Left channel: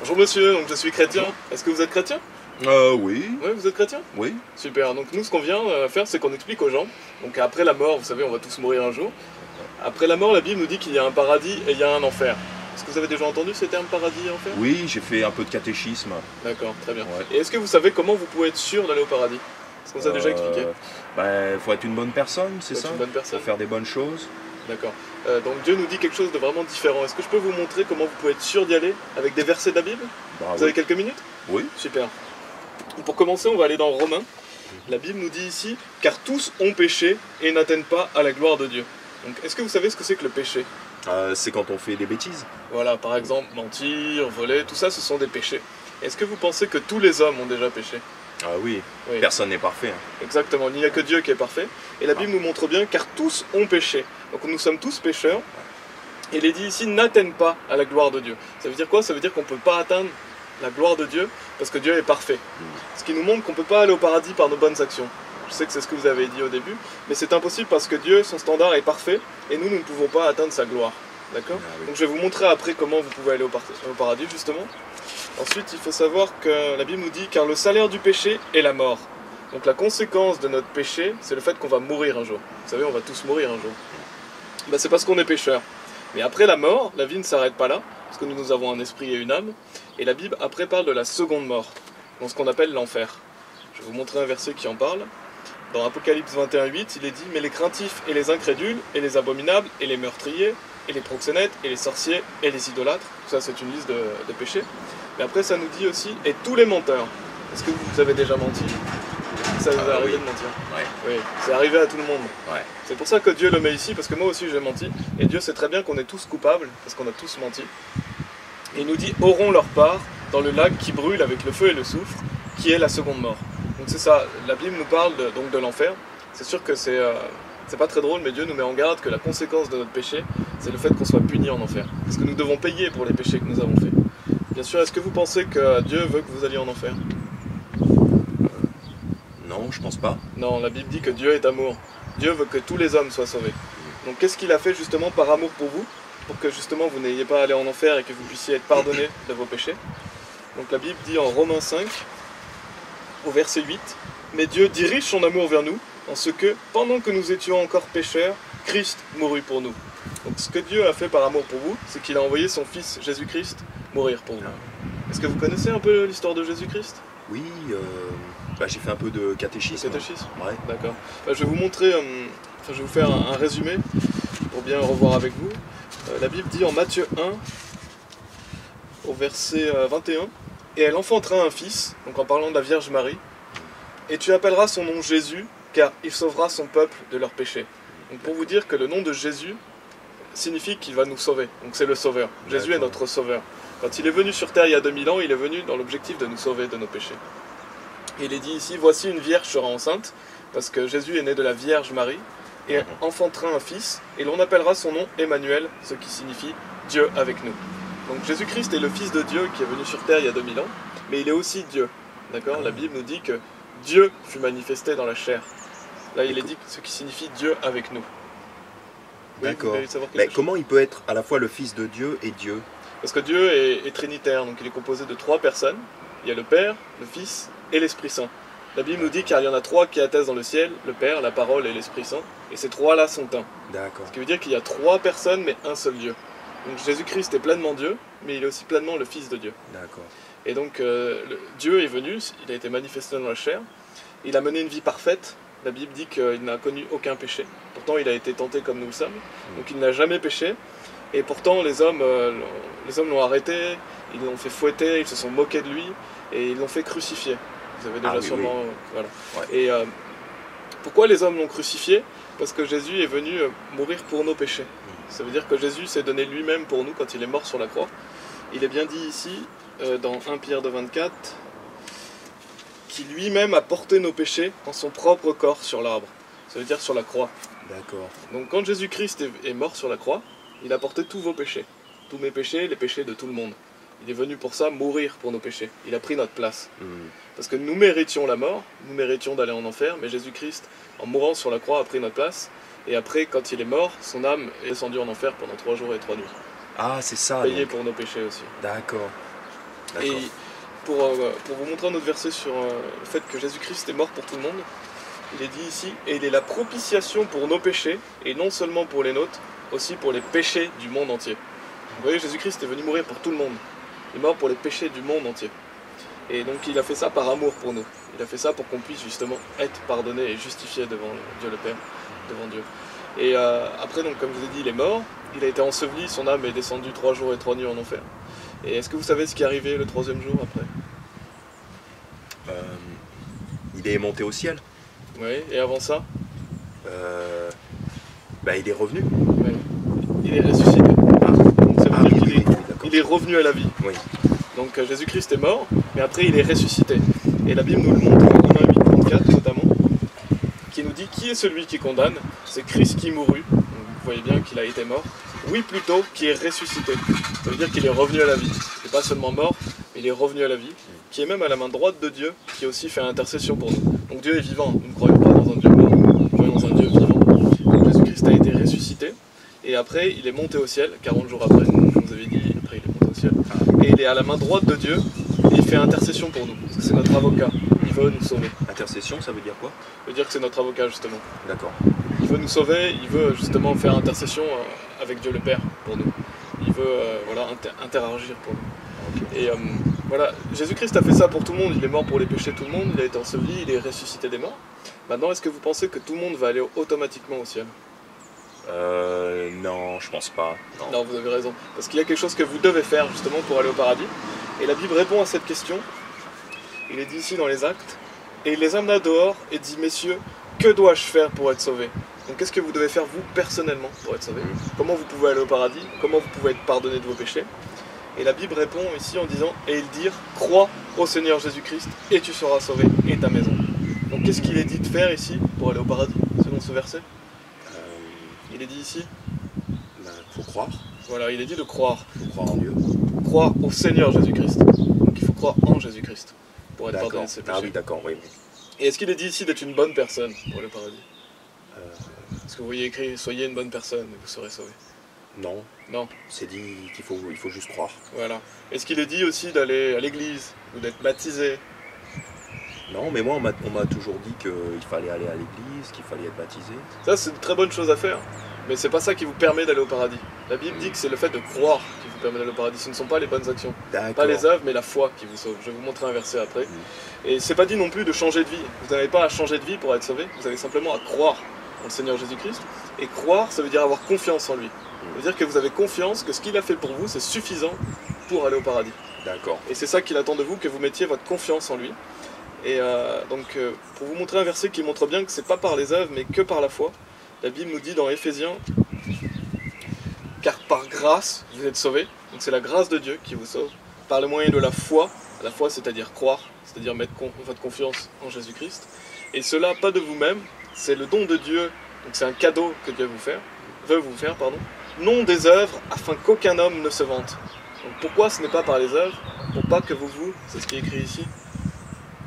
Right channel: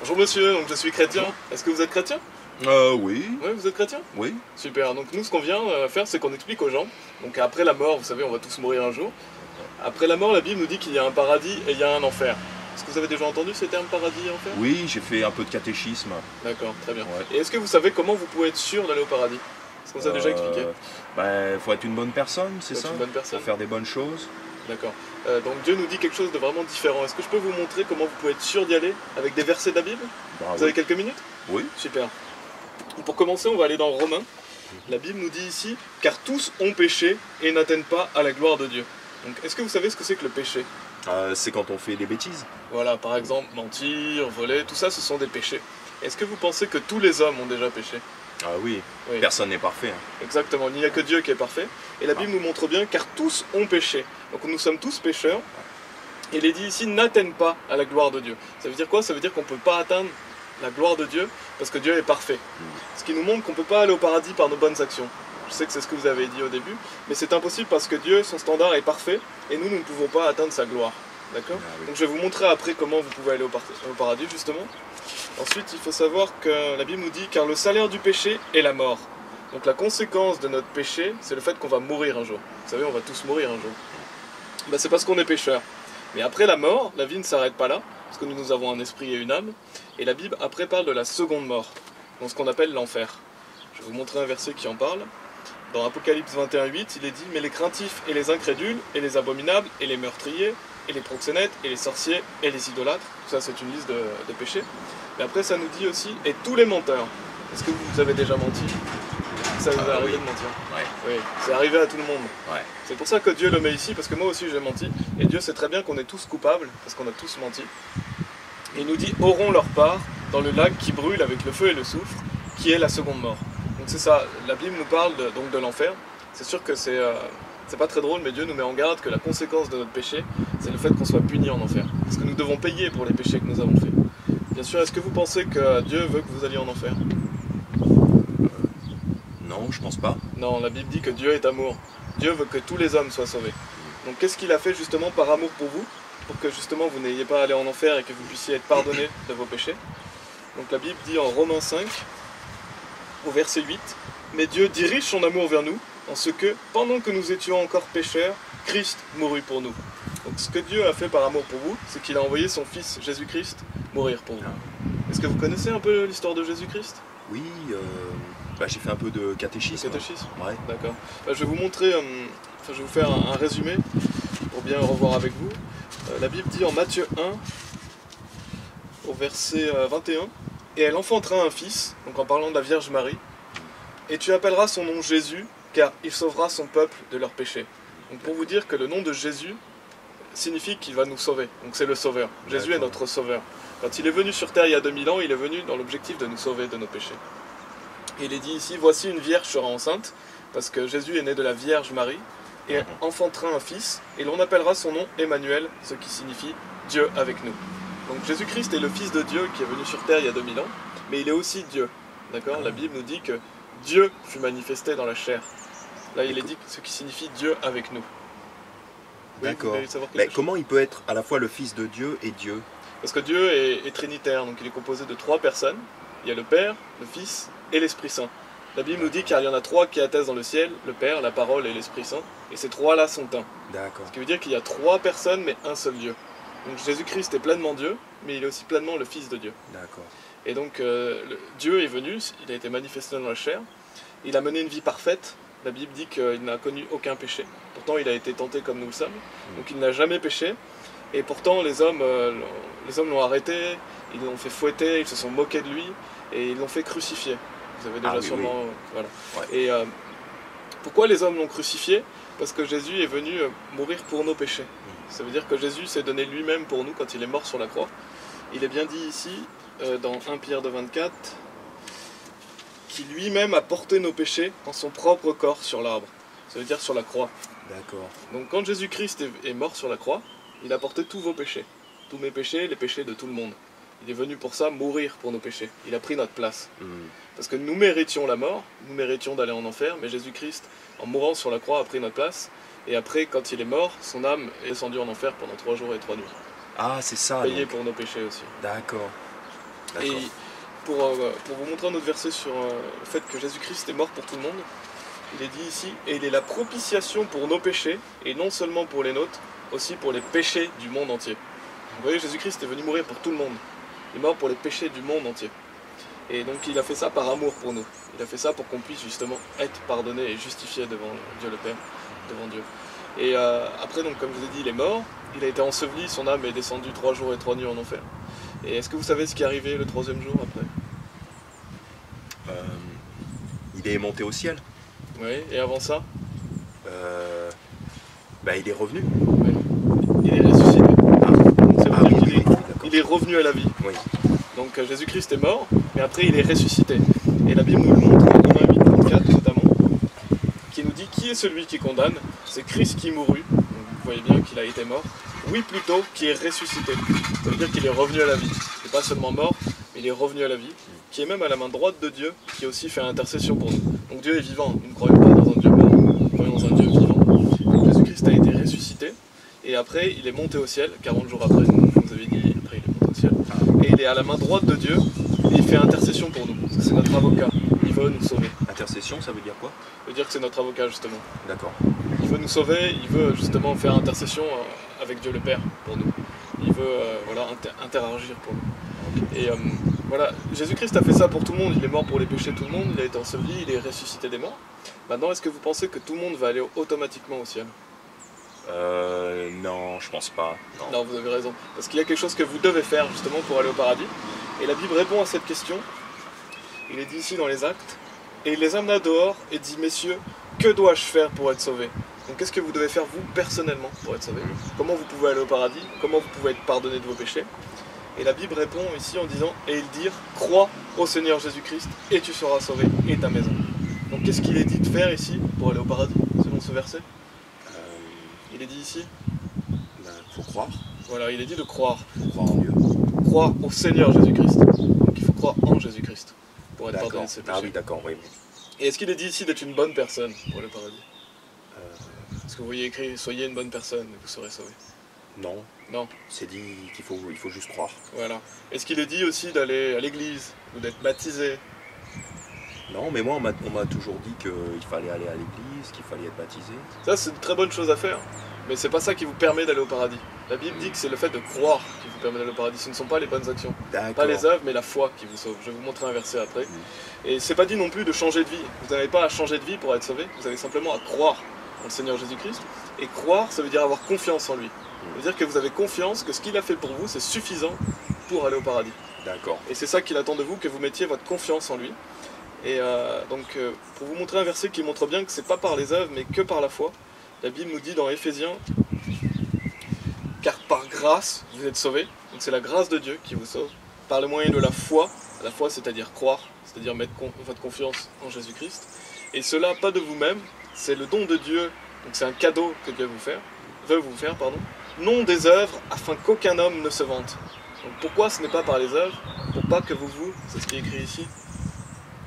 Bonjour monsieur, donc je suis chrétien. Est-ce que vous êtes chrétien? Oui, Oui, vous êtes chrétien? oui. Super, donc nous ce qu'on vient faire c'est qu'on explique aux gens, donc après la mort, vous savez, on va tous mourir un jour. Après la mort, la Bible nous dit qu'il y a un paradis et il y a un enfer. Est-ce que vous avez déjà entendu ces termes paradis et enfer? Oui, j'ai fait un peu de catéchisme. D'accord, très bien. Ouais. Et est-ce que vous savez comment vous pouvez être sûr d'aller au paradis? Est-ce qu'on vous a déjà expliqué? Faut être une bonne personne, c'est Faut être ça? une bonne personne. Faut faire des bonnes choses. D'accord. Donc Dieu nous dit quelque chose de vraiment différent. Est-ce que je peux vous montrer comment vous pouvez être sûr d'y aller avec des versets de la Bible? Bah Vous oui. avez quelques minutes? Oui. Super. Pour commencer, on va aller dans Romains. La Bible nous dit ici, car tous ont péché et n'atteignent pas à la gloire de Dieu. Donc, est-ce que vous savez ce que c'est que le péché? C'est quand on fait des bêtises. Voilà, par exemple, mentir, voler, tout ça, ce sont des péchés. Est-ce que vous pensez que tous les hommes ont déjà péché? Ah oui, Oui, personne n'est parfait, hein. exactement. Il n'y a que Dieu qui est parfait. Et la Bible nous montre bien, car tous ont péché. Donc, nous sommes tous pécheurs. Et il est dit ici, n'atteignent pas à la gloire de Dieu. Ça veut dire quoi? Ça veut dire qu'on ne peut pas atteindre la gloire de Dieu parce que Dieu est parfait. Ce qui nous montre qu'on ne peut pas aller au paradis par nos bonnes actions. Je sais que c'est ce que vous avez dit au début, mais c'est impossible parce que Dieu, son standard est parfait et nous ne pouvons pas atteindre sa gloire. D'accord? Ah oui. Donc je vais vous montrer après comment vous pouvez aller au paradis justement. Ensuite, il faut savoir que la Bible nous dit car le salaire du péché est la mort. Donc la conséquence de notre péché, c'est le fait qu'on va mourir un jour. Vous savez, on va tous mourir un jour. C'est parce qu'on est pécheur. Mais après la mort, la vie ne s'arrête pas là, parce que nous avons un esprit et une âme. Et la Bible après parle de la seconde mort, dans ce qu'on appelle l'enfer. Je vais vous montrer un verset qui en parle. Dans Apocalypse 21:8, il est dit « Mais les craintifs et les incrédules, et les abominables, et les meurtriers, et les proxénètes, et les sorciers, et les idolâtres », tout ça c'est une liste de péchés. Mais après ça nous dit aussi « Et tous les menteurs ». Est-ce que vous avez déjà menti? Ça vous est arrivé oui. de mentir? Ouais. Oui, c'est arrivé à tout le monde. Ouais. C'est pour ça que Dieu le met ici, parce que moi aussi j'ai menti. Et Dieu sait très bien qu'on est tous coupables, parce qu'on a tous menti. Et il nous dit, auront leur part dans le lac qui brûle avec le feu et le soufre, qui est la seconde mort. Donc c'est ça, la Bible nous parle donc de l'enfer. C'est sûr que c'est pas très drôle, mais Dieu nous met en garde que la conséquence de notre péché, c'est le fait qu'on soit puni en enfer. Parce que nous devons payer pour les péchés que nous avons faits. Bien sûr, est-ce que vous pensez que Dieu veut que vous alliez en enfer? Non, je pense pas. Non, la Bible dit que Dieu est amour. Dieu veut que tous les hommes soient sauvés. Donc qu'est-ce qu'il a fait justement par amour pour vous? Pour que justement vous n'ayez pas à aller en enfer et que vous puissiez être pardonnés de vos péchés. Donc la Bible dit en Romains 5, au verset 8, « Mais Dieu dirige son amour vers nous, en ce que, pendant que nous étions encore pécheurs, Christ mourut pour nous. » Donc ce que Dieu a fait par amour pour vous, c'est qu'il a envoyé son Fils Jésus-Christ mourir pour vous. Est-ce que vous connaissez un peu l'histoire de Jésus-Christ? Oui, j'ai fait un peu de catéchisme. Catéchisme? Ouais. D'accord. Je vais vous montrer, je vais vous faire un résumé pour bien revoir avec vous. La Bible dit en Matthieu 1, au verset 21, « Et elle enfantera un fils », donc en parlant de la Vierge Marie, « et tu appelleras son nom Jésus, car il sauvera son peuple de leurs péchés. » Donc pour vous dire que le nom de Jésus signifie qu'il va nous sauver, donc c'est le sauveur. Jésus est notre sauveur. Quand il est venu sur terre il y a 2000 ans, il est venu dans l'objectif de nous sauver de nos péchés. Et il est dit ici, voici une vierge sera enceinte, parce que Jésus est né de la Vierge Marie, et enfantera un fils, et l'on appellera son nom Emmanuel, ce qui signifie Dieu avec nous. Donc Jésus-Christ est le Fils de Dieu qui est venu sur terre il y a 2000 ans, mais il est aussi Dieu. D'accord? La Bible nous dit que Dieu fut manifesté dans la chair. Là il est dit ce qui signifie Dieu avec nous. Oui, D'accord. vous voulez savoir quelque Mais chose? comment il peut être à la fois le Fils de Dieu et Dieu? Parce que Dieu est trinitaire, donc il est composé de 3 personnes. Il y a le Père, le Fils et l'Esprit Saint. La Bible nous dit qu'il y en a 3 qui attestent dans le ciel, le Père, la Parole et l'Esprit Saint. Et ces 3-là sont un. D'accord. Ce qui veut dire qu'il y a 3 personnes mais un seul Dieu. Donc Jésus-Christ est pleinement Dieu, mais il est aussi pleinement le Fils de Dieu. D'accord. Et donc Dieu est venu, il a été manifesté dans la chair. Il a mené une vie parfaite. La Bible dit qu'il n'a connu aucun péché. Pourtant il a été tenté comme nous le sommes. Donc il n'a jamais péché. Et pourtant les hommes l'ont arrêté, ils l'ont fait fouetter, ils se sont moqués de lui et ils l'ont fait crucifier. Vous avez déjà oui, sûrement... Voilà. Ouais. Et pourquoi les hommes l'ont crucifié? Parce que Jésus est venu mourir pour nos péchés. Ça veut dire que Jésus s'est donné lui-même pour nous quand il est mort sur la croix. Il est bien dit ici, dans 1 Pierre 2,24, qui lui-même a porté nos péchés en son propre corps sur l'arbre. Ça veut dire sur la croix. D'accord. Donc quand Jésus-Christ est mort sur la croix, il a porté tous vos péchés. Tous mes péchés, les péchés de tout le monde. Il est venu pour ça, mourir pour nos péchés. Il a pris notre place. Parce que nous méritions la mort, nous méritions d'aller en enfer, mais Jésus-Christ, en mourant sur la croix, a pris notre place. Et après, quand il est mort, son âme est descendue en enfer pendant 3 jours et 3 nuits. Ah, c'est ça. Payé Donc. pour nos péchés aussi. D'accord. Et D'accord. pour vous montrer un autre verset sur le fait que Jésus-Christ est mort pour tout le monde, il est dit ici, et il est la propitiation pour nos péchés, et non seulement pour les nôtres, aussi pour les péchés du monde entier. Vous voyez, Jésus-Christ est venu mourir pour tout le monde. Il est mort pour les péchés du monde entier. Et donc il a fait ça par amour pour nous. Il a fait ça pour qu'on puisse justement être pardonné et justifié devant Dieu le Père, devant Dieu. Et après, donc, comme je vous ai dit, il est mort, il a été enseveli, son âme est descendue 3 jours et 3 nuits en enfer. Et est-ce que vous savez ce qui est arrivé le 3e jour après? Il est monté au ciel. Oui, et avant ça? Il est revenu. Oui. Il est ressuscité. Ah, Donc, ça veut dire qu'il est, d'accord. il est revenu à la vie. Oui. Donc Jésus-Christ est mort, mais après il est ressuscité. Et la Bible nous le montre en Romains 8, 34 notamment, qui nous dit qui est celui qui condamne? C'est Christ qui mourut. Donc, vous voyez bien qu'il a été mort. Oui, plutôt, qui est ressuscité. Ça veut dire qu'il est revenu à la vie. Il n'est pas seulement mort, mais il est revenu à la vie, qui est même à la main droite de Dieu, qui aussi fait intercession pour nous. Donc Dieu est vivant. Nous ne croyons pas dans un Dieu mort, nous croyons dans un Dieu vivant. Donc Jésus-Christ a été ressuscité. Et après, il est monté au ciel, 40 jours après, comme je vous avais dit, après il est monté au ciel. Et il est à la main droite de Dieu, et il fait intercession pour nous, parce que c'est notre avocat, il veut nous sauver. Intercession, ça veut dire quoi? Ça veut dire que c'est notre avocat, justement. D'accord. Il veut nous sauver, il veut justement faire intercession avec Dieu le Père pour nous. Il veut interagir pour nous. Ok. Et voilà, Jésus-Christ a fait ça pour tout le monde, il est mort pour les péchés de tout le monde, il a été enseveli, il est ressuscité des morts. Maintenant, est-ce que vous pensez que tout le monde va aller automatiquement au ciel? Non, je pense pas. Non, vous avez raison. Parce qu'il y a quelque chose que vous devez faire justement pour aller au paradis. Et la Bible répond à cette question. Il est dit ici dans les Actes. Et il les amena dehors et dit, messieurs, que dois-je faire pour être sauvé? Donc qu'est-ce que vous devez faire vous personnellement pour être sauvé? Comment vous pouvez aller au paradis? Comment vous pouvez être pardonné de vos péchés? Et la Bible répond ici en disant, et ils dirent, crois au Seigneur Jésus-Christ et tu seras sauvé et ta maison. Donc qu'est-ce qu'il est dit de faire ici pour aller au paradis, selon ce verset? Il est dit ici, Faut croire. voilà, il est dit de croire. Faut croire en Dieu. Croire au Seigneur Jésus-Christ. Donc il faut croire en Jésus-Christ pour être pardonné D'accord. de ses péchés. Ah oui, d'accord, oui. Et est-ce qu'il est dit ici d'être une bonne personne pour le paradis? Euh, Est-ce que vous voyez écrit, soyez une bonne personne et vous serez sauvé? non, Non, c'est dit il faut juste croire. voilà. Est-ce qu'il est dit aussi d'aller à l'église ou d'être baptisé? Non, mais moi, on m'a toujours dit qu'il fallait aller à l'église, qu'il fallait être baptisé. Ça, c'est une très bonne chose à faire, mais c'est pas ça qui vous permet d'aller au paradis. La Bible dit que c'est le fait de croire qui vous permet d'aller au paradis. Ce ne sont pas les bonnes actions. D'accord. Pas les œuvres, mais la foi qui vous sauve. Je vais vous montrer un verset après. Et c'est pas dit non plus de changer de vie. Vous n'avez pas à changer de vie pour être sauvé. Vous avez simplement à croire en le Seigneur Jésus-Christ. Et croire, ça veut dire avoir confiance en lui. Ça veut dire que vous avez confiance que ce qu'il a fait pour vous, c'est suffisant pour aller au paradis. D'accord. Et c'est ça qu'il attend de vous, que vous mettiez votre confiance en lui. Et pour vous montrer un verset qui montre bien que c'est pas par les œuvres, mais que par la foi, la Bible nous dit dans Éphésiens, car par grâce vous êtes sauvés, donc c'est la grâce de Dieu qui vous sauve, par le moyen de la foi c'est-à-dire croire, c'est-à-dire mettre votre confiance en Jésus-Christ, et cela pas de vous-même, c'est le don de Dieu, donc c'est un cadeau que Dieu veut vous faire, non des œuvres, afin qu'aucun homme ne se vante. Donc pourquoi ce n'est pas par les œuvres? Pour pas que c'est ce qui est écrit ici,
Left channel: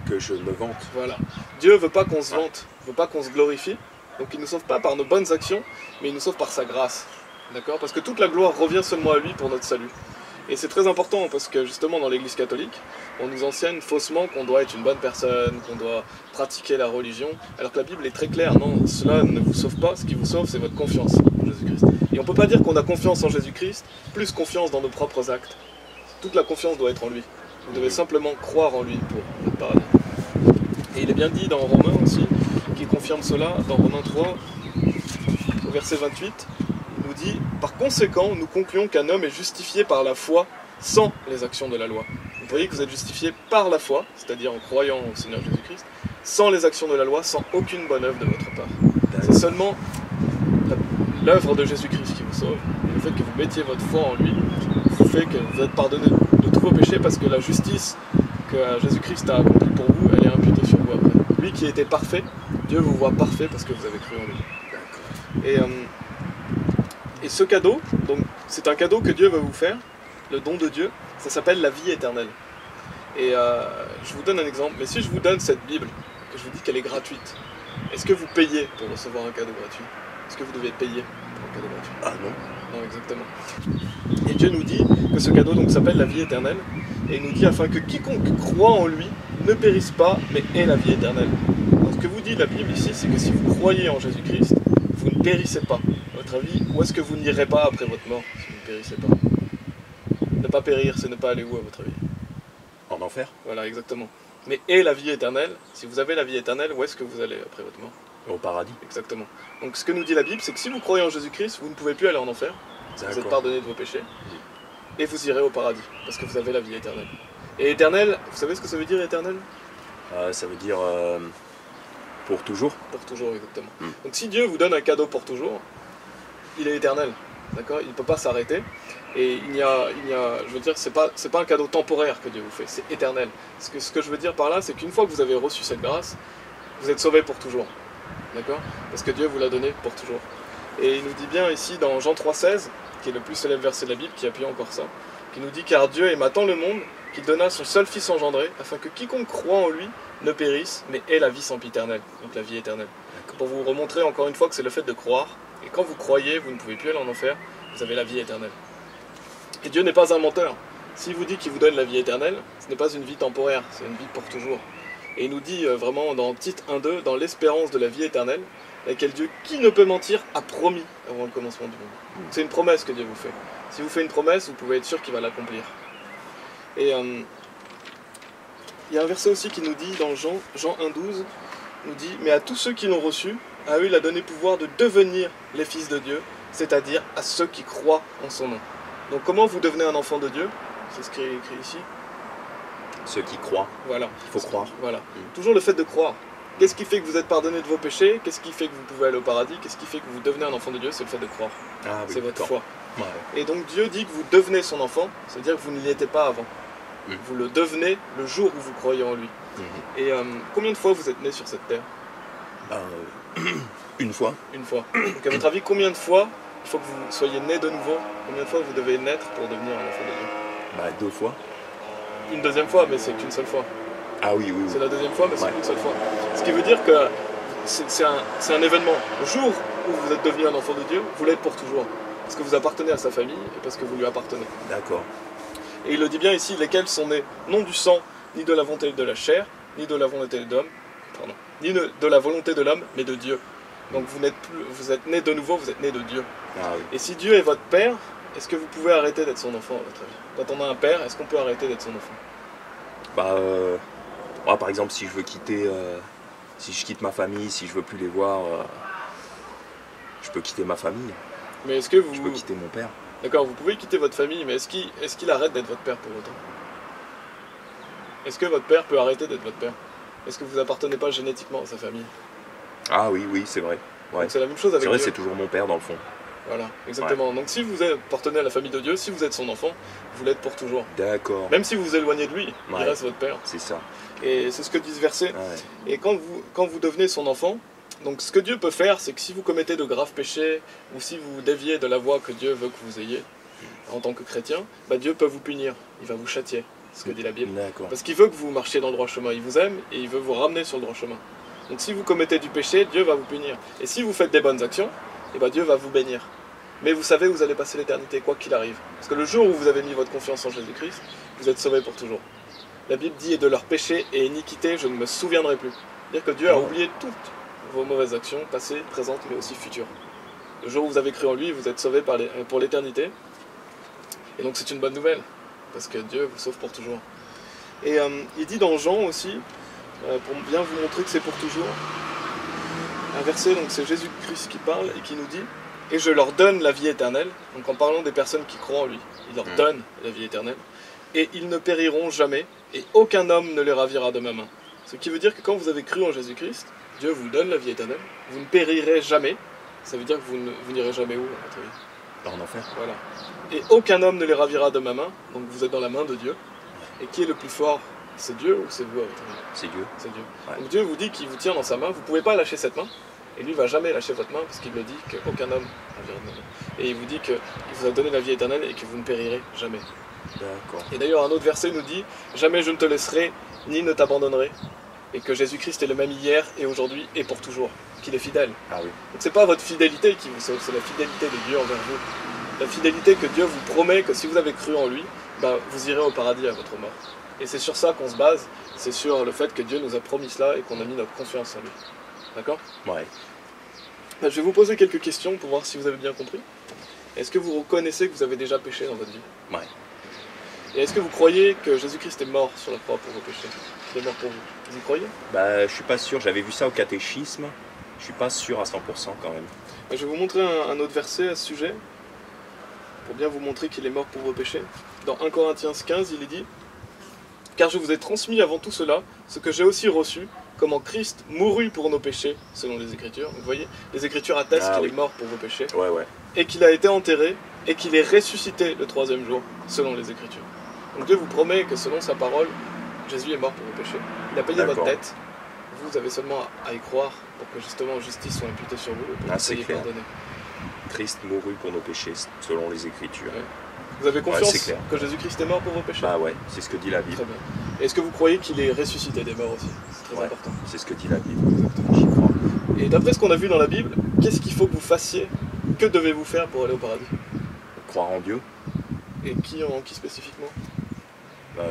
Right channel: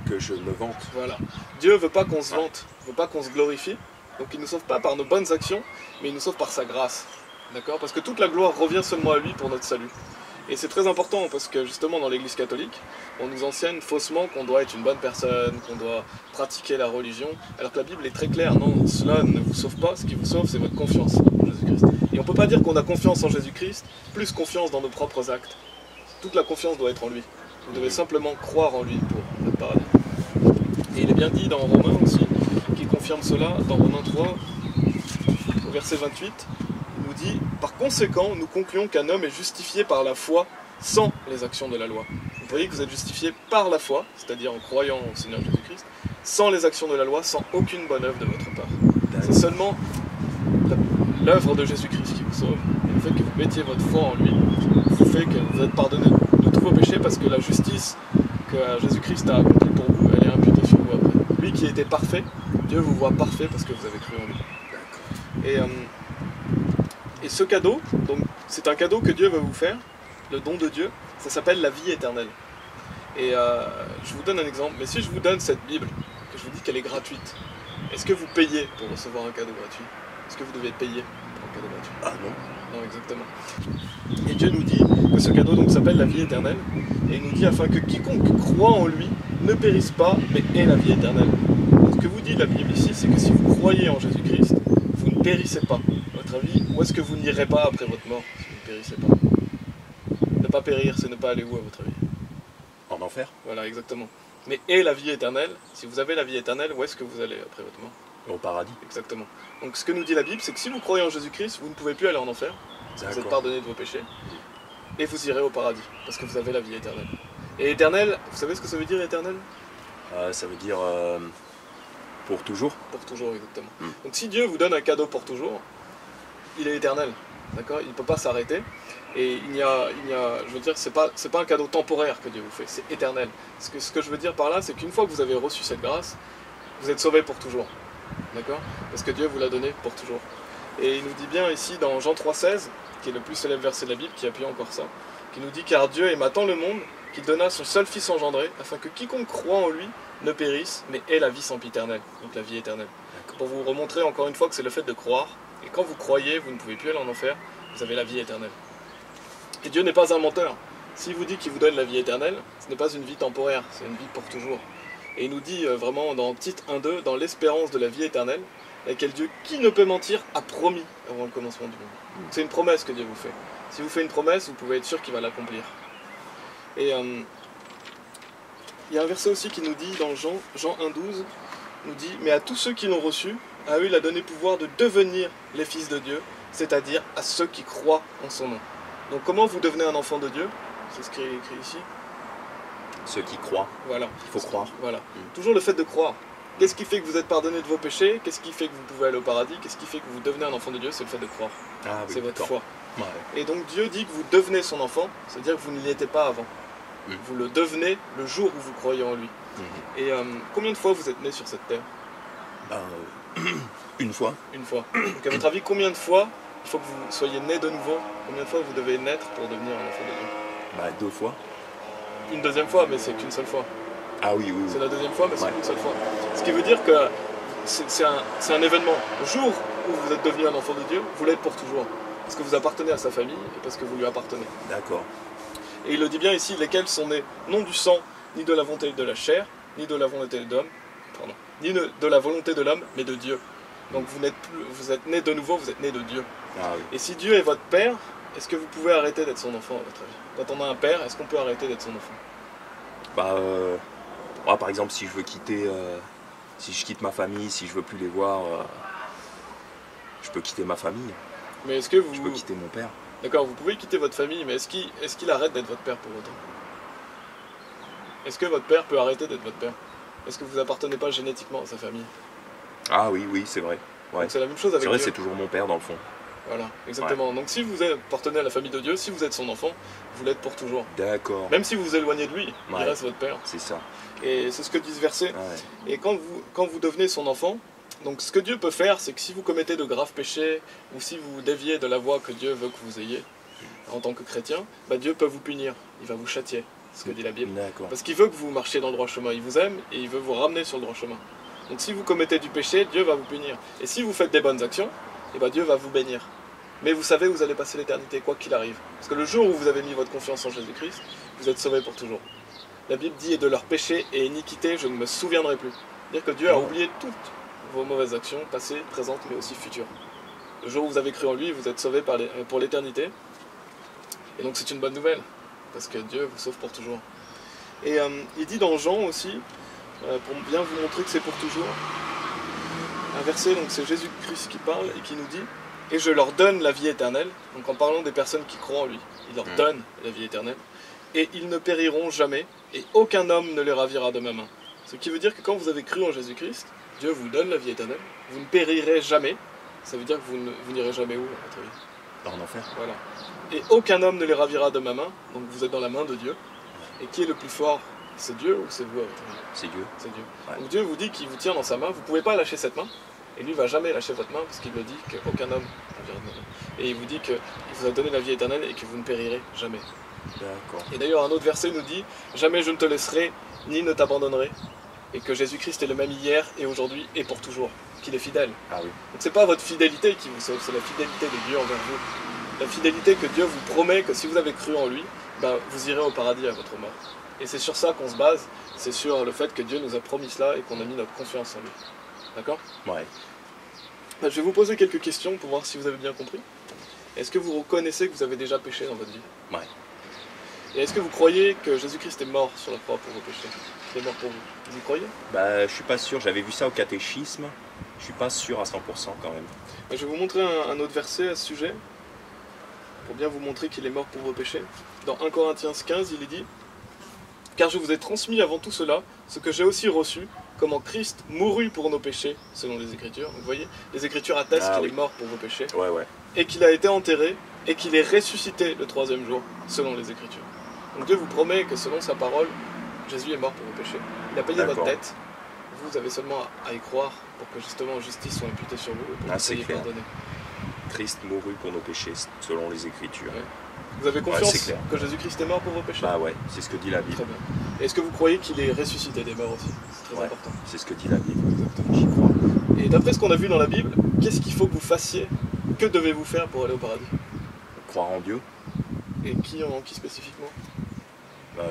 Que je me vante. voilà. Dieu veut pas qu'on se vante, veut pas qu'on se glorifie, donc il ne nous sauve pas par nos bonnes actions, mais il nous sauve par sa grâce. D'accord? Parce que toute la gloire revient seulement à lui pour notre salut. Et c'est très important parce que justement dans l'église catholique, on nous enseigne faussement qu'on doit être une bonne personne, qu'on doit pratiquer la religion, alors que la Bible est très claire, non, cela ne vous sauve pas, ce qui vous sauve c'est votre confiance en Jésus-Christ. Et on ne peut pas dire qu'on a confiance en Jésus-Christ, plus confiance dans nos propres actes. Toute la confiance doit être en lui. Vous devez simplement croire en lui pour votre paradis. Et il est bien dit dans Romains aussi, qui confirme cela, dans Romains 3, au verset 28, il nous dit « Par conséquent, nous concluons qu'un homme est justifié par la foi sans les actions de la loi. » Vous voyez que vous êtes justifié par la foi, c'est-à-dire en croyant au Seigneur Jésus-Christ, sans les actions de la loi, sans aucune bonne œuvre de votre part. C'est seulement l'œuvre de Jésus-Christ qui vous sauve, et le fait que vous mettiez votre foi en lui, vous fait que vous êtes pardonné de tous vos péchés, parce que la justice que Jésus-Christ a accomplie pour vous, elle est imputée sur vous après. Lui qui était parfait, Dieu vous voit parfait parce que vous avez cru en lui. Et ce cadeau, donc c'est un cadeau que Dieu va vous faire, le don de Dieu, ça s'appelle la vie éternelle. Et je vous donne un exemple, mais si je vous donne cette Bible, que je vous dis qu'elle est gratuite, est-ce que vous payez pour recevoir un cadeau gratuit? Est-ce que vous devez payer pour un cadeau gratuit? Ah non. Non, exactement. Et Dieu nous dit que ce cadeau donc s'appelle la vie éternelle, et il nous dit afin que quiconque croit en lui ne périsse pas, mais ait la vie éternelle. Donc ce que vous dit la Bible ici, c'est que si vous croyez en Jésus-Christ, vous ne périssez pas. À votre avis, où est-ce que vous n'irez pas après votre mort si vous ne périssez pas? Ne pas périr, c'est ne pas aller où à votre avis? En enfer? Voilà, exactement. Mais ait la vie éternelle, si vous avez la vie éternelle, où est-ce que vous allez après votre mort? Au paradis. Exactement. Donc ce que nous dit la Bible, c'est que si vous croyez en Jésus-Christ, vous ne pouvez plus aller en enfer, vous êtes pardonné de vos péchés, et vous irez au paradis, parce que vous avez la vie éternelle. Et éternel, vous savez ce que ça veut dire éternel? Ça veut dire pour toujours. Pour toujours, exactement. Donc si Dieu vous donne un cadeau pour toujours, il est éternel, d'accord? Il ne peut pas s'arrêter, et je veux dire, c'est pas un cadeau temporaire que Dieu vous fait, c'est éternel. Ce que je veux dire par là, c'est qu'une fois que vous avez reçu cette grâce, vous êtes sauvé pour toujours. D'accord? Parce que Dieu vous l'a donné pour toujours. Et il nous dit bien ici dans Jean 3,16, qui est le plus célèbre verset de la Bible, qui appuie encore ça, qui nous dit « Car Dieu aima tant le monde qu'il donna son seul Fils engendré, afin que quiconque croit en lui ne périsse, mais ait la vie sempiternelle. » Donc la vie éternelle. Pour vous remontrer encore une fois que c'est le fait de croire, et quand vous croyez, vous ne pouvez plus aller en enfer, vous avez la vie éternelle. Et Dieu n'est pas un menteur. S'il vous dit qu'il vous donne la vie éternelle, ce n'est pas une vie temporaire, c'est une vie pour toujours. Et il nous dit vraiment dans Tite 1,2, dans l'espérance de la vie éternelle, laquelle Dieu, qui ne peut mentir, a promis avant le commencement du monde. C'est une promesse que Dieu vous fait. Si vous faites une promesse, vous pouvez être sûr qu'il va l'accomplir. Et il y a un verset aussi qui nous dit dans Jean 1,12, nous dit « Mais à tous ceux qui l'ont reçu, à eux il a donné pouvoir de devenir les fils de Dieu, c'est-à-dire à ceux qui croient en son nom. » Donc comment vous devenez un enfant de Dieu? C'est ce qui est écrit ici. Ceux qui croient. Voilà. Il faut croire. Voilà. Toujours le fait de croire. Qu'est-ce qui fait que vous êtes pardonné de vos péchés? Qu'est-ce qui fait que vous pouvez aller au paradis? Qu'est-ce qui fait que vous devenez un enfant de Dieu? C'est le fait de croire. Ah, oui, c'est votre foi. Ouais. Et donc Dieu dit que vous devenez son enfant, c'est-à-dire que vous ne l'étiez pas avant. Vous le devenez le jour où vous croyez en lui. Et combien de fois vous êtes né sur cette terre? Une fois. Une fois. Donc à votre avis, combien de fois il faut que vous soyez né de nouveau? Combien de fois vous devez naître pour devenir un enfant de Dieu? 2 fois. Une deuxième fois, mais c'est qu'une seule fois. Ah oui, oui. C'est la deuxième fois, mais c'est qu'une seule fois. Ce qui veut dire que c'est un événement. Le jour où vous êtes devenu un enfant de Dieu, vous l'êtes pour toujours. Parce que vous appartenez à sa famille et parce que vous lui appartenez. D'accord. Et il le dit bien ici, lesquels sont nés non du sang, ni de la volonté de la chair, ni de la volonté de l'homme, ni de la volonté de l'homme, mais de Dieu. Donc vous êtes nés de nouveau, vous êtes nés de Dieu. Ah oui. Et si Dieu est votre père, est-ce que vous pouvez arrêter d'être son enfant à votre avis? Quand on a un père, est-ce qu'on peut arrêter d'être son enfant? Moi, par exemple, si je veux quitter, si je quitte ma famille, si je veux plus les voir, je peux quitter ma famille. Mais est-ce que vous... Je peux quitter mon père. D'accord, vous pouvez quitter votre famille, mais est-ce qu'il arrête d'être votre père pour autant? Est-ce que votre père peut arrêter d'être votre père? Est-ce que vous appartenez pas génétiquement à sa famille? Ah oui, oui, c'est vrai. Ouais. Donc c'est la même chose avec Dieu. C'est vrai, Dieu. c'est toujours mon père dans le fond. Voilà, exactement. Ouais. Donc si vous appartenez à la famille de Dieu, si vous êtes son enfant, vous l'êtes pour toujours. D'accord. Même si vous vous éloignez de lui, il reste votre père. C'est ça. Et c'est ce que dit ce verset. Ouais. Et quand vous devenez son enfant, donc ce que Dieu peut faire, c'est que si vous commettez de graves péchés, ou si vous déviez de la voie que Dieu veut que vous ayez, en tant que chrétien, Dieu peut vous punir, il va vous châtier, c'est ce que dit la Bible. Parce qu'il veut que vous marchiez dans le droit chemin, il vous aime et il veut vous ramener sur le droit chemin. Donc si vous commettez du péché, Dieu va vous punir. Et si vous faites des bonnes actions, Dieu va vous bénir. Mais vous savez où vous allez passer l'éternité, quoi qu'il arrive. Parce que le jour où vous avez mis votre confiance en Jésus-Christ, vous êtes sauvés pour toujours. La Bible dit « Et de leurs péchés et iniquités, je ne me souviendrai plus ». C'est-à-dire que Dieu a oublié toutes vos mauvaises actions, passées, présentes, mais aussi futures. Le jour où vous avez cru en lui, vous êtes sauvés pour l'éternité. Et donc c'est une bonne nouvelle, parce que Dieu vous sauve pour toujours. Et il dit dans Jean aussi, pour bien vous montrer que c'est pour toujours, un verset, donc c'est Jésus-Christ qui parle et qui nous dit « Et je leur donne la vie éternelle », donc en parlant des personnes qui croient en lui, il leur donne la vie éternelle, et ils ne périront jamais, et aucun homme ne les ravira de ma main. Ce qui veut dire que quand vous avez cru en Jésus-Christ, Dieu vous donne la vie éternelle, vous ne périrez jamais, ça veut dire que vous n'irez jamais où, à votre avis? En enfer. Voilà. Et aucun homme ne les ravira de ma main, donc vous êtes dans la main de Dieu. Et qui est le plus fort? C'est Dieu ou c'est vous à votre avis? C'est Dieu. C'est Dieu. Ouais. Donc Dieu vous dit qu'il vous tient dans sa main, vous ne pouvez pas lâcher cette main, et lui ne va jamais lâcher votre main, parce qu'il le dit qu'aucun homme ravira de ma main. Et il vous dit qu'il vous a donné la vie éternelle et que vous ne périrez jamais. D'accord. Et d'ailleurs un autre verset nous dit « Jamais je ne te laisserai, ni ne t'abandonnerai », et que Jésus-Christ est le même hier et aujourd'hui et pour toujours, qu'il est fidèle. Ah oui. Donc c'est pas votre fidélité qui vous sauve, c'est la fidélité de Dieu envers vous. la fidélité que Dieu vous promet que si vous avez cru en lui, bah, vous irez au paradis à votre mort. Et c'est sur ça qu'on se base, c'est sur le fait que Dieu nous a promis cela et qu'on a mis notre confiance en lui. D'accord? Ouais. Bah, je vais vous poser quelques questions pour voir si vous avez bien compris. Est-ce que vous reconnaissez que vous avez déjà péché dans votre vie? Ouais. Et est-ce que vous croyez que Jésus-Christ est mort sur la croix pour vos péchés? Il est mort pour vous. Vous y croyez? Bah, je suis pas sûr, j'avais vu ça au catéchisme, je suis pas sûr à 100% quand même. Bah, je vais vous montrer un autre verset à ce sujet, pour bien vous montrer qu'il est mort pour vos péchés. Dans 1 Corinthiens 15, il est dit: car je vous ai transmis avant tout cela, ce que j'ai aussi reçu, comment Christ mourut pour nos péchés, selon les Écritures. Vous voyez, les Écritures attestent qu'il est mort pour vos péchés, Ouais. et qu'il a été enterré, et qu'il est ressuscité le 3e jour, selon les Écritures. Donc Dieu vous promet que selon sa parole, Jésus est mort pour vos péchés. Il a payé votre dette. Vous avez seulement à y croire pour que justement justice soit imputée sur vous et pour que vous soyez pardonné. Christ mourut pour nos péchés, selon les Écritures. Ouais. Vous avez confiance que Jésus-Christ est mort pour vos péchés? Bah ouais, c'est ce que dit la Bible. Très bien. Et est-ce que vous croyez qu'il est ressuscité des morts aussi? C'est très important. C'est ce que dit la Bible. Exactement. J'y crois. Et d'après ce qu'on a vu dans la Bible, qu'est-ce qu'il faut que vous fassiez? Que devez-vous faire pour aller au paradis? Croire en Dieu. Et qui spécifiquement?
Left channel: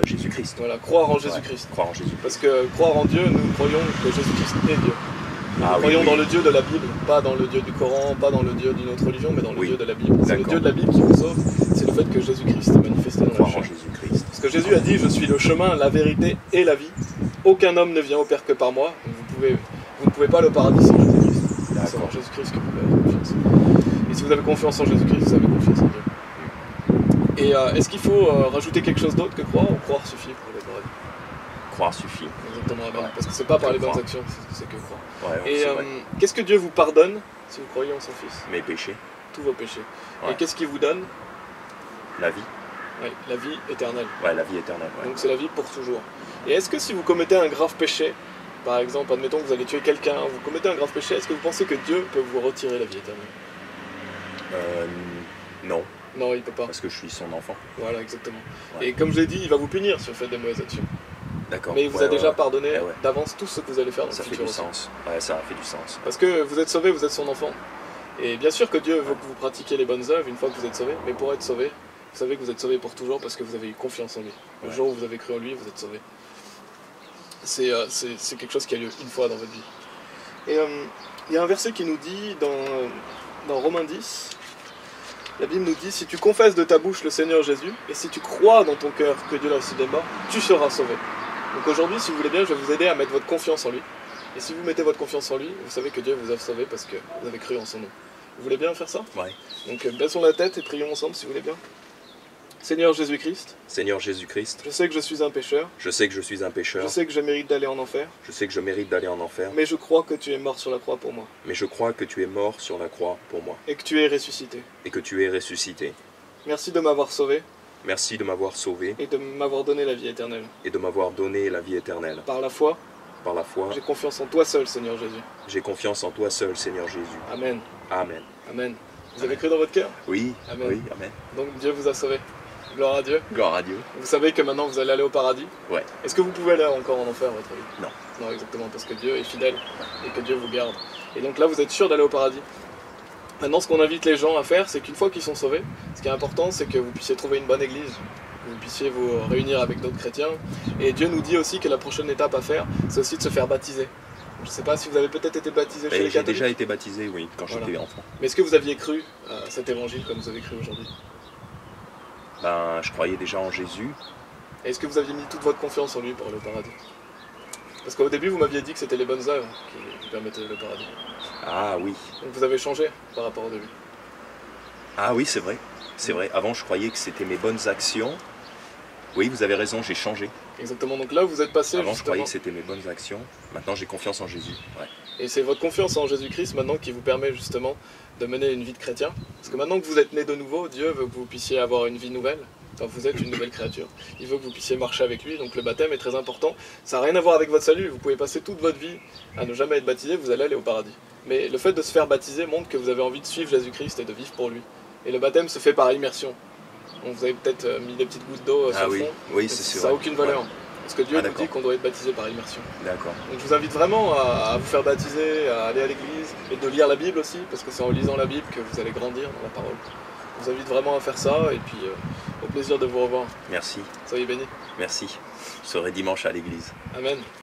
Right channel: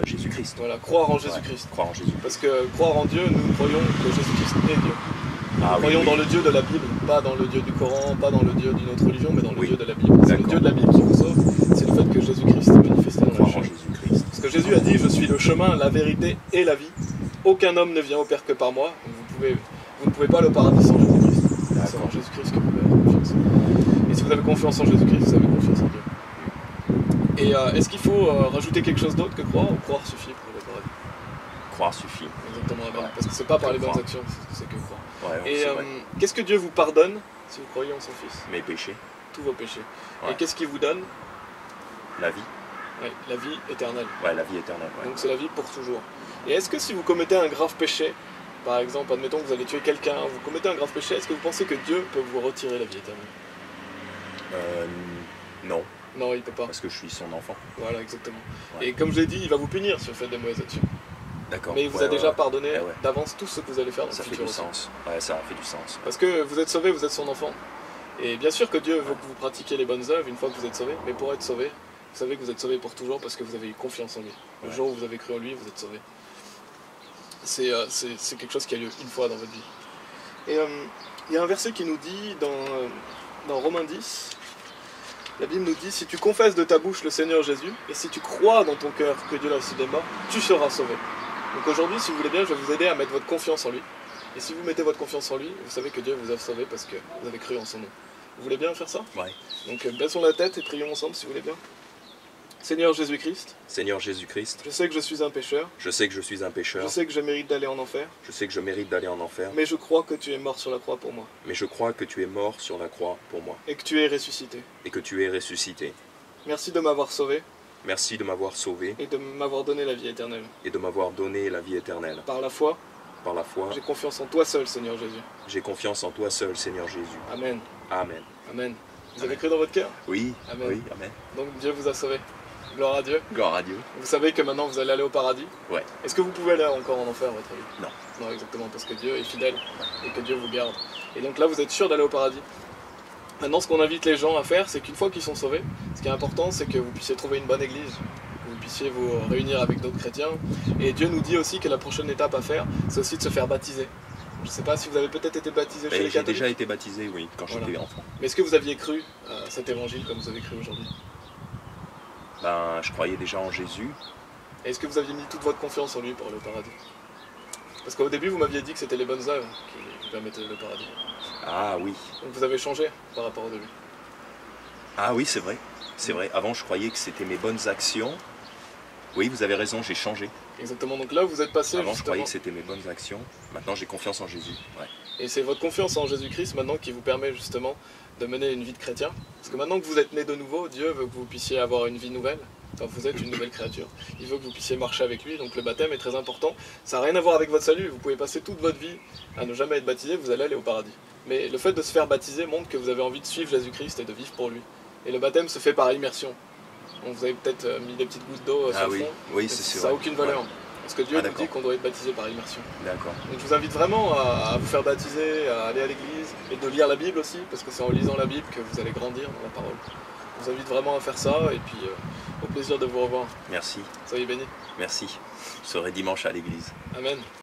Jésus-Christ. Voilà, croire en Jésus-Christ. Croire en Jésus-Christ. Parce que croire en Dieu, nous croyons que Jésus-Christ est Dieu. Nous Ah, croyons oui. dans le Dieu de la Bible, pas dans le Dieu du Coran, pas dans le Dieu d'une autre religion, mais dans le Dieu de la Bible. C'est le Dieu de la Bible qui vous sauve, c'est le fait que Jésus-Christ est manifesté dans la Croire chair. en Jésus-Christ. Parce que Jésus a dit: je suis le chemin, la vérité et la vie. Aucun homme ne vient au Père que par moi. Donc vous ne pouvez pas aller au paradis sans Jésus-Christ. C'est en Jésus-Christ que vous pouvez avoir confiance. Et si vous avez confiance en Jésus-Christ, vous avez confiance en Dieu. Et est-ce qu'il faut rajouter quelque chose d'autre que croire, ou croire suffit pour aller au paradis? Croire suffit. Exactement, amen. Parce que c'est pas par les bonnes actions, c'est que croire. Ouais, et qu'est-ce que Dieu vous pardonne si vous croyez en son Fils? Mes péchés. Tous vos péchés. Ouais. Et qu'est-ce qu'il vous donne? La vie. Oui, la vie éternelle. Ouais, la vie éternelle. Ouais. Donc c'est la vie pour toujours. Et est-ce que si vous commettez un grave péché, par exemple, admettons que vous allez tuer quelqu'un, vous commettez un grave péché, est-ce que vous pensez que Dieu peut vous retirer la vie éternelle? Non. Non, il peut pas. Parce que je suis son enfant. Voilà, exactement. Ouais. Et comme je l'ai dit, il va vous punir si vous faites des mauvaises actions. D'accord. Mais il vous a déjà pardonné Ouais. d'avance tout ce que vous allez faire dans Ça le fait futur du aussi. sens. Ouais, ça a fait du sens. Parce que vous êtes sauvé, vous êtes son enfant. Et bien sûr que Dieu veut que vous pratiquiez les bonnes œuvres une fois que vous êtes sauvé, mais pour être sauvé, vous savez que vous êtes sauvé pour toujours parce que vous avez eu confiance en lui. Le jour où vous avez cru en lui, vous êtes sauvé. C'est quelque chose qui a lieu une fois dans votre vie. Et il y a un verset qui nous dit dans Romains 10, la Bible nous dit: si tu confesses de ta bouche le Seigneur Jésus, et si tu crois dans ton cœur que Dieu l'a ressuscité des morts, tu seras sauvé. Donc aujourd'hui, si vous voulez bien, je vais vous aider à mettre votre confiance en lui. Et si vous mettez votre confiance en lui, vous savez que Dieu vous a sauvé parce que vous avez cru en son nom. Vous voulez bien faire ça? Ouais. Donc baissons la tête et prions ensemble si vous voulez bien. Seigneur Jésus-Christ, Seigneur Jésus-Christ, je sais que je suis un pécheur, je sais que je suis un pécheur, je sais que je mérite d'aller en enfer, je sais que je mérite d'aller en enfer, mais je crois que tu es mort sur la croix pour moi, mais je crois que tu es mort sur la croix pour moi, et que tu es ressuscité. et que tu es ressuscité. Merci de m'avoir sauvé, Merci de m'avoir sauvé, et de m'avoir donné la vie éternelle. et de m'avoir donné la vie éternelle. Par la foi, Par la foi, j'ai confiance en toi seul, Seigneur Jésus. j'ai confiance en toi seul, Seigneur Jésus. Amen. Amen. Amen. Vous avez cru dans votre cœur? Oui, Amen. oui, amen. Donc Dieu vous a sauvé. Gloire à Dieu. Gloire à Dieu. Vous savez que maintenant vous allez aller au paradis. Ouais. Est-ce que vous pouvez aller encore en enfer à votre avis? Non. Non, exactement, parce que Dieu est fidèle et que Dieu vous garde. Et donc là, vous êtes sûr d'aller au paradis. Maintenant, ce qu'on invite les gens à faire, c'est qu'une fois qu'ils sont sauvés, ce qui est important, c'est que vous puissiez trouver une bonne église, que vous puissiez vous réunir avec d'autres chrétiens. Et Dieu nous dit aussi que la prochaine étape à faire, c'est aussi de se faire baptiser. Je ne sais pas si vous avez peut-être été baptisé chez les J'ai catholiques. déjà été baptisé, oui, quand Voilà. j'étais enfant. Mais est-ce que vous aviez cru à cet évangile comme vous avez cru aujourd'hui? Ben, je croyais déjà en Jésus. Et est-ce que vous aviez mis toute votre confiance en lui pour aller au paradis? Parce qu'au début, vous m'aviez dit que c'était les bonnes œuvres qui vous permettaient le paradis. Ah oui. Donc vous avez changé par rapport au début. Ah oui, c'est vrai. C'est vrai. Avant, je croyais que c'était mes bonnes actions. Oui, vous avez raison, j'ai changé. Exactement, donc là vous êtes passé Avant, je justement, croyais que c'était mes bonnes actions. Maintenant, j'ai confiance en Jésus. Ouais. et c'est votre confiance en Jésus-Christ maintenant qui vous permet justement de mener une vie de chrétien. Parce que maintenant que vous êtes né de nouveau, Dieu veut que vous puissiez avoir une vie nouvelle. Enfin, vous êtes une nouvelle créature. Il veut que vous puissiez marcher avec lui, donc le baptême est très important. Ça n'a rien à voir avec votre salut, vous pouvez passer toute votre vie à ne jamais être baptisé, vous allez aller au paradis. Mais le fait de se faire baptiser montre que vous avez envie de suivre Jésus-Christ et de vivre pour lui. Et le baptême se fait par immersion. Donc vous avez peut-être mis des petites gouttes d'eau sur Ah le oui, fond, oui, mais c'est sûr. ça n'a aucune valeur. Ouais. Parce que Dieu Ah, nous dit d'accord. qu'on doit être baptisé par immersion. D'accord. Donc je vous invite vraiment à vous faire baptiser, à aller à l'église et de lire la Bible aussi, parce que c'est en lisant la Bible que vous allez grandir dans la parole. je vous invite vraiment à faire ça, et puis au plaisir de vous revoir. Merci. Soyez bénis. Merci. Je serai dimanche à l'église. Amen.